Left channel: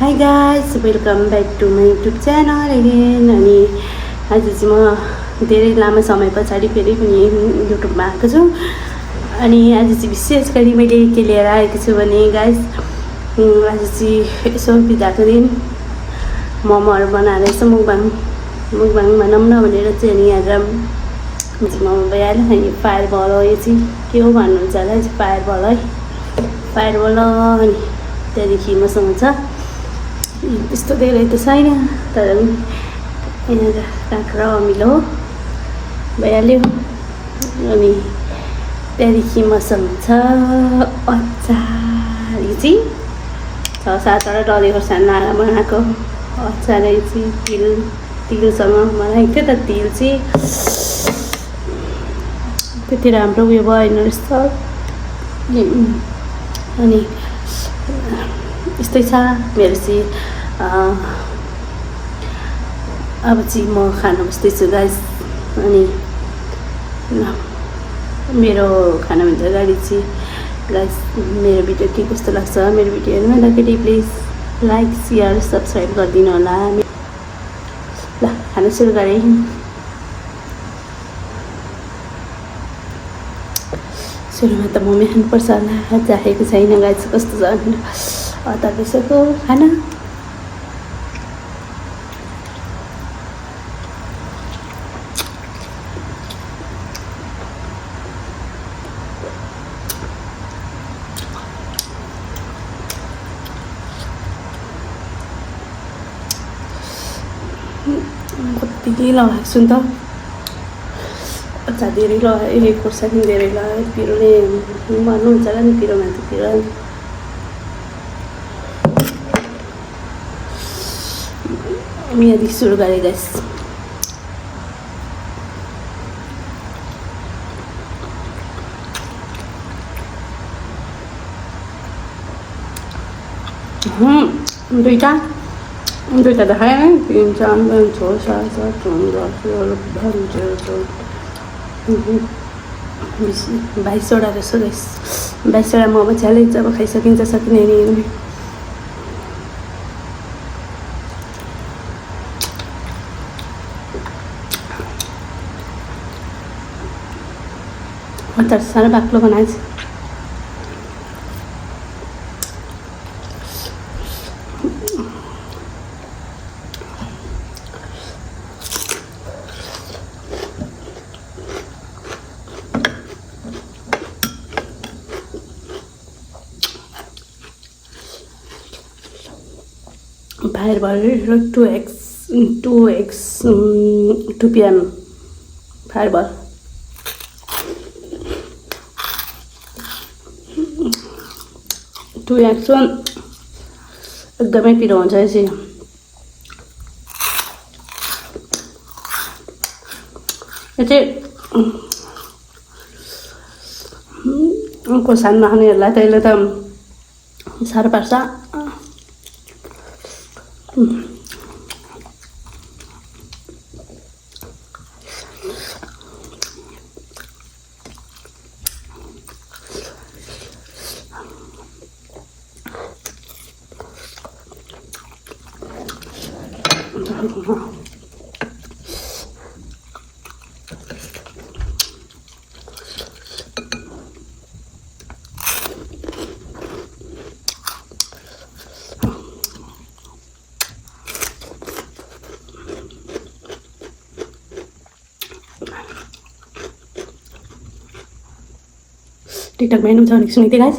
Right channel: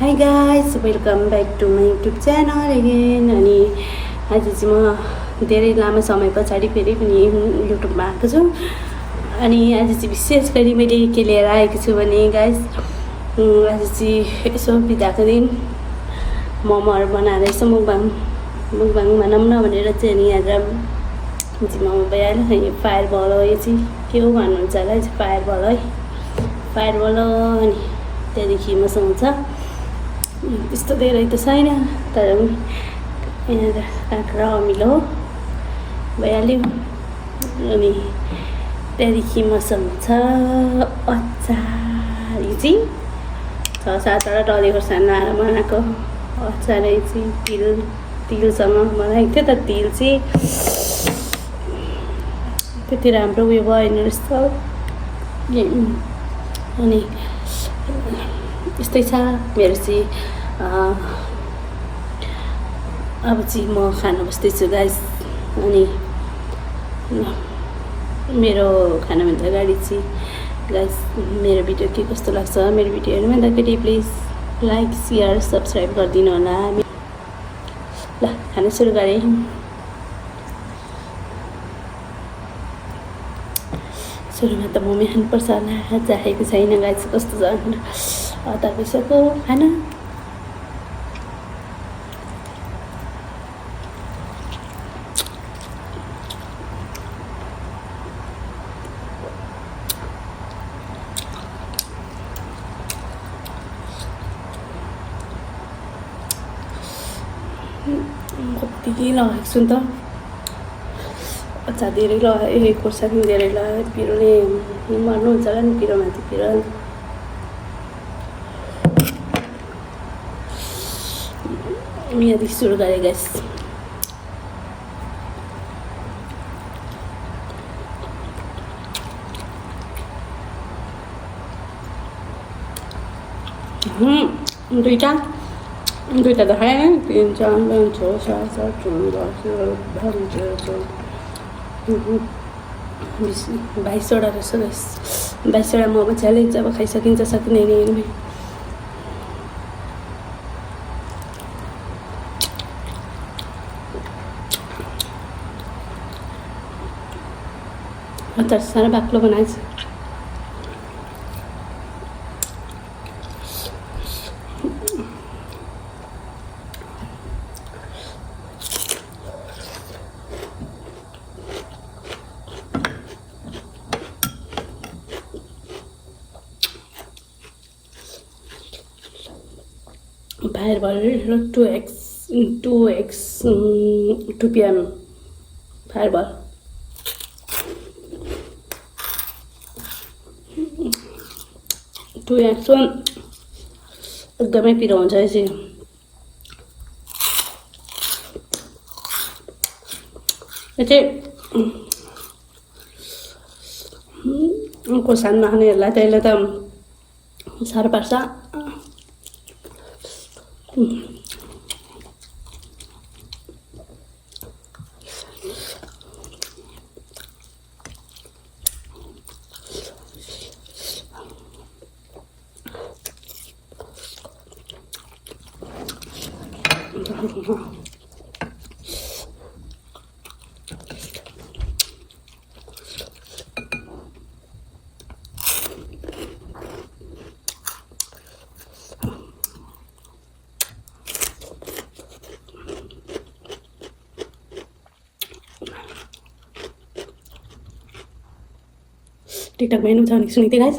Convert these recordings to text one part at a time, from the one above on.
High guys, welcome back to my YouTube channel again. अनि आज चाहिँ म धेरै लामो समय पछाडि फेरि पनि युट्युबमा आएको छु। अनि आज चाहिँ विशेष गरी मैले के लिएर आएको छु भने गाइस, आज चाहिँ यसो बिदाको दिन मोमोहरू बनाएर यसो मुकबाङ बनाऊँ न भनेर चाहिँ। अनि आज चाहिँ मोमो भइहाल्यो। अनि फायर बल हो, यो चाहिँ के हो भन्नुहुन्छ होला, फायर बल है, फायर बल। अनि त्यहाँदेखि मसँग छ त्यस्तो धेरै त छैन, तर पनि यहाँ काँक्रा अमिलो भइहाल्यो। अनि त्यहाँदेखि मसँग छ अचार, यो चाहिँ 6-7वटा डल्ले खोर्सानी लाएर बनाएको अचार। यो चाहिँ तिलसँग बनाएको थियो, तर तिल चाहिँ त्यति राम्रो उयो भएन रहेछ। अनि यस्तै छ मेरो चाहिँ। अब चाहिँ म खाना बस्दैछु गाइस। अनि मेरो खानाभन्दा अगाडि चाहिँ गाइस, मेरो भिडियो के कस्तो लाग्छ, मेरो भिडियो हेर्नुभन्दाखेरि प्लिज लाइक सेयर सब्सक्राइब गरिदिनु होला। ल खाना सुरु गरेँ। सुरुमा त मोमो खानुपर्छ होला, चाहेको छैन गाइस कस्तो छ भनेर। अचार पिसेको खाना कति लगाएको छु नि त, अचार धेरै लगाएँ, खोर्सानी धेरै लगाएँ। पिरोले मर्नुहुन्छ होला नि, पिरोमाथि पिरो। यहाँदेखि सुरु गरेँ गाइस। दुईटा देखाएँ, 3, 4, 5, 6, 7, 8, 9, 10, 11, 12, 13, 14, 20, 22वटा रहेछ गाइस। 22वटा मोमो च्यालेन्ज अब खाइसकिन्छ, सकिँदैन नि। अचार साह्रो बाक्लो बनाएछ। फायरबल 2 PM फायरबल। एकदमै पिरो हुन्छ यो चाहिँ। यो चाहिँ खोर्सानी नखानेहरूलाई त्यसले त साह्रो पार्छ। टिकटक में भनेको सुनेको थिएँ गाइस।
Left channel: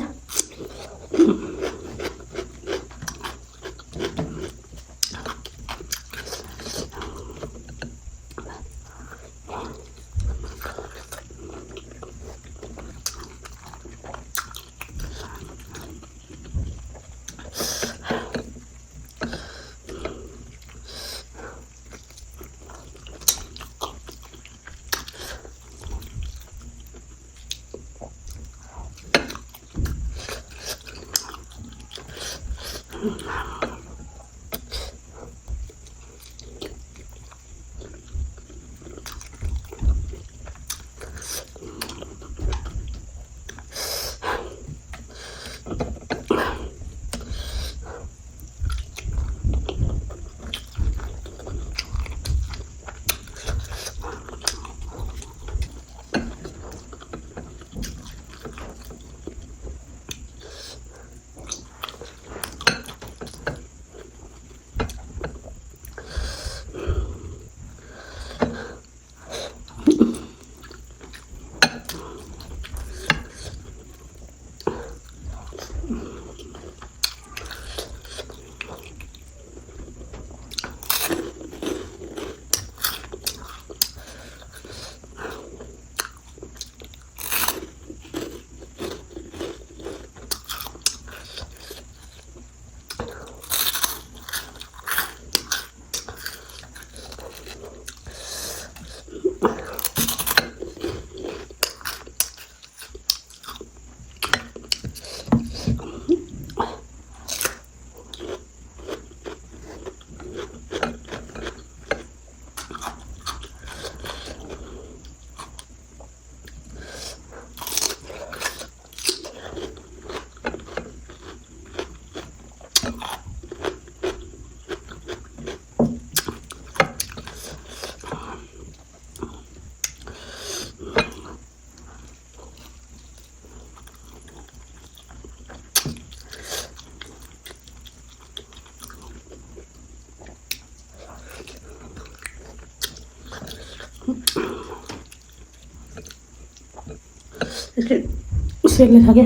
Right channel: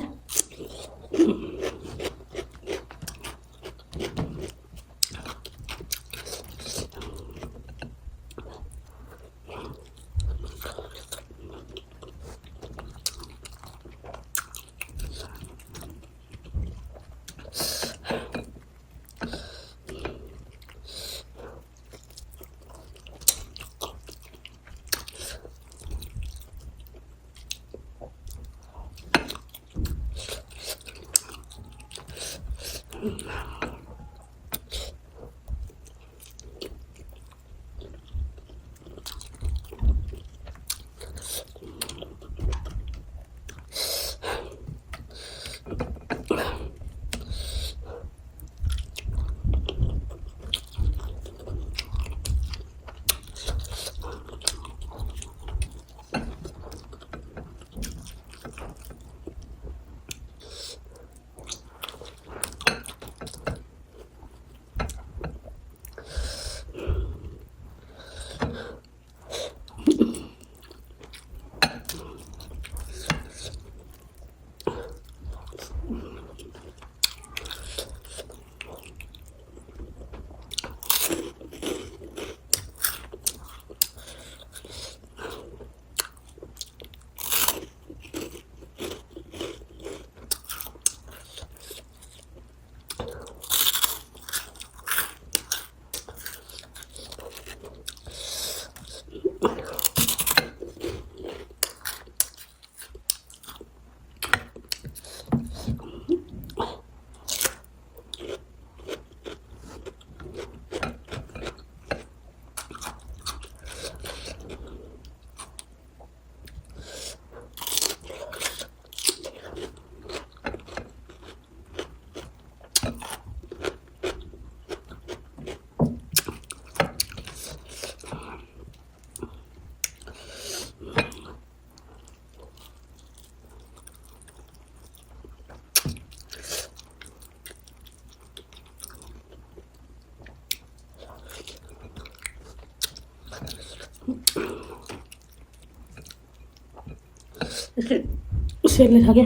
सेक्ने छ क्या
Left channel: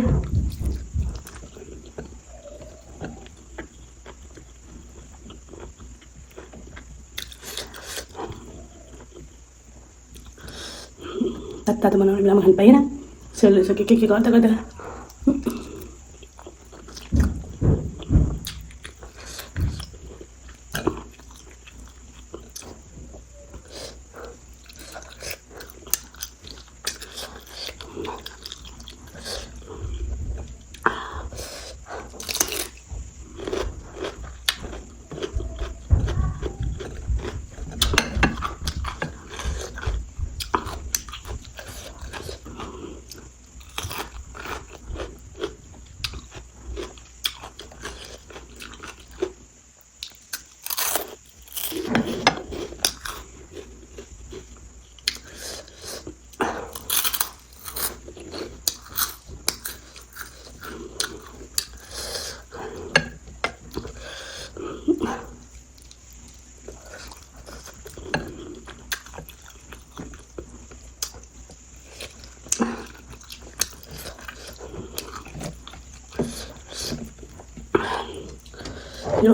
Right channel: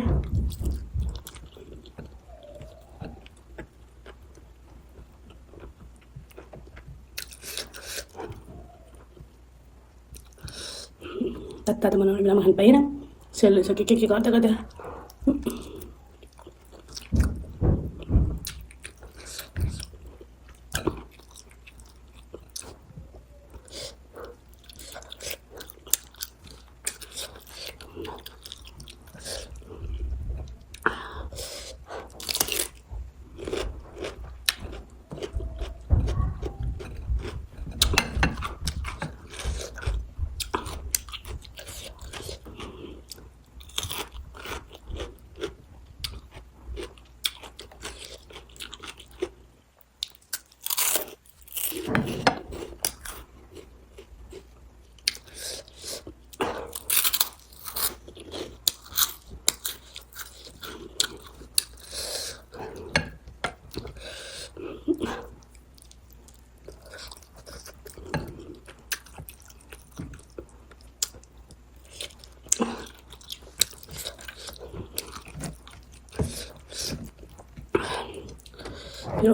तातो बनाउने बेलामा खानु पाइएन सेल्ले छ के गर्दा गर्दा यो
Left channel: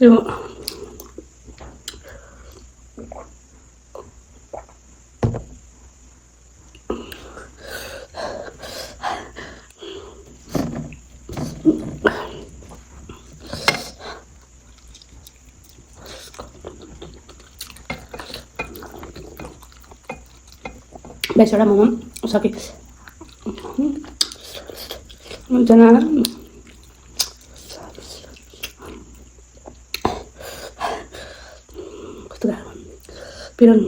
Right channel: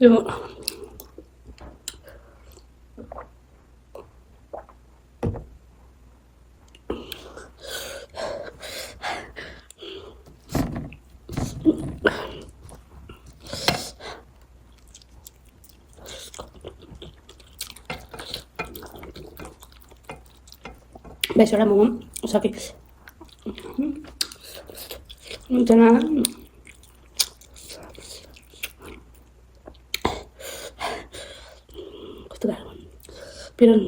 यो बेसवटा मोमो सके जना कस्तो गाह्रो पिरोन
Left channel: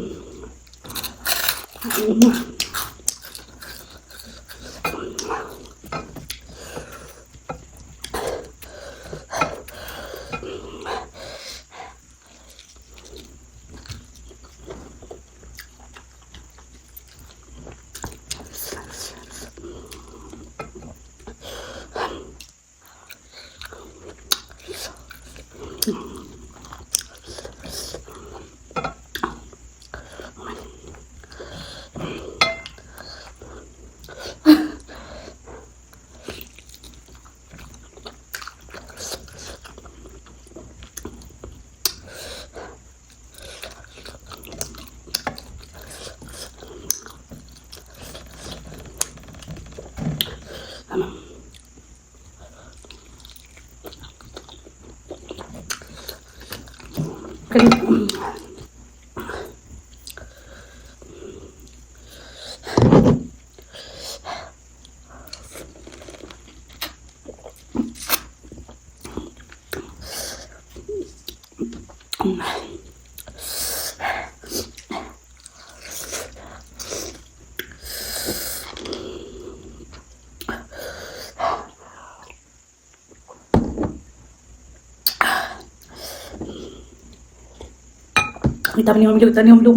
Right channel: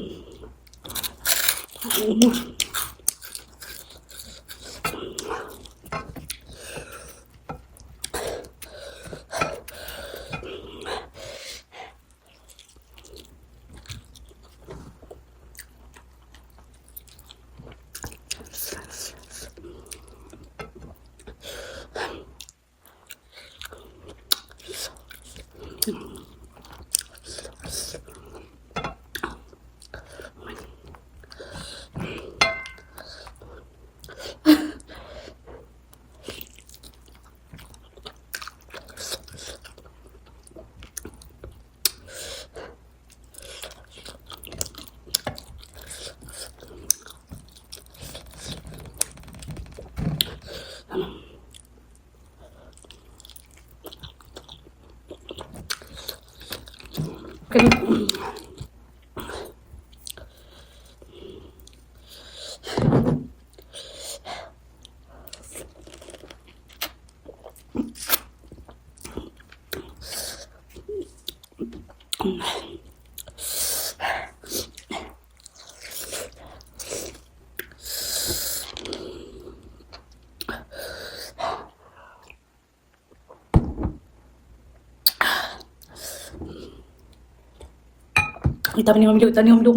Kita पनि अमिलो उता नि अमिलो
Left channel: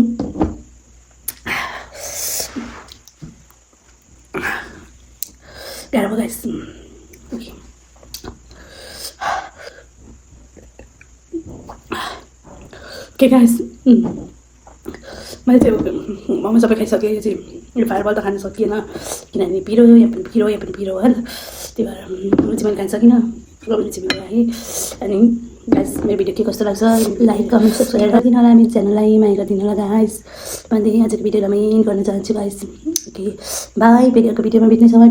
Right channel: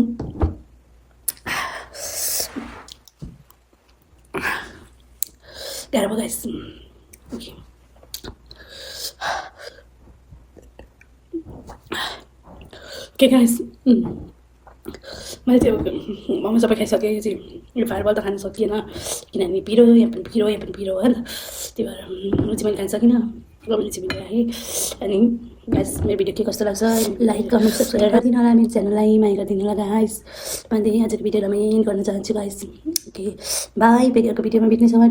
गाह्रो भयो गाइस के गाइस मैले चाहिँ मोमो सबै खाइसकेँ यो चाहिँ यो फायरबल त खान सकिएन किनभने पिरो यहाँ पनि पिरो होइन त्यही भएर चाहिँ मैले खान सकिनँ मैले चाहिँ भिडियो राखेँ अनि गाइस मेरो भिडियो के कस्तो लाग्छ लाइक कमेन्ट सब्सक्राइब गरिदिनु होला मेरो च्यानललाई माया गरिदिनु होला गाइस भन्दै आजको भिडियोलाई म एन्ड गर्न चाहन्छु गाइस ओके बाई फेरि अर्को भिडियोमा भेट्नेछौँ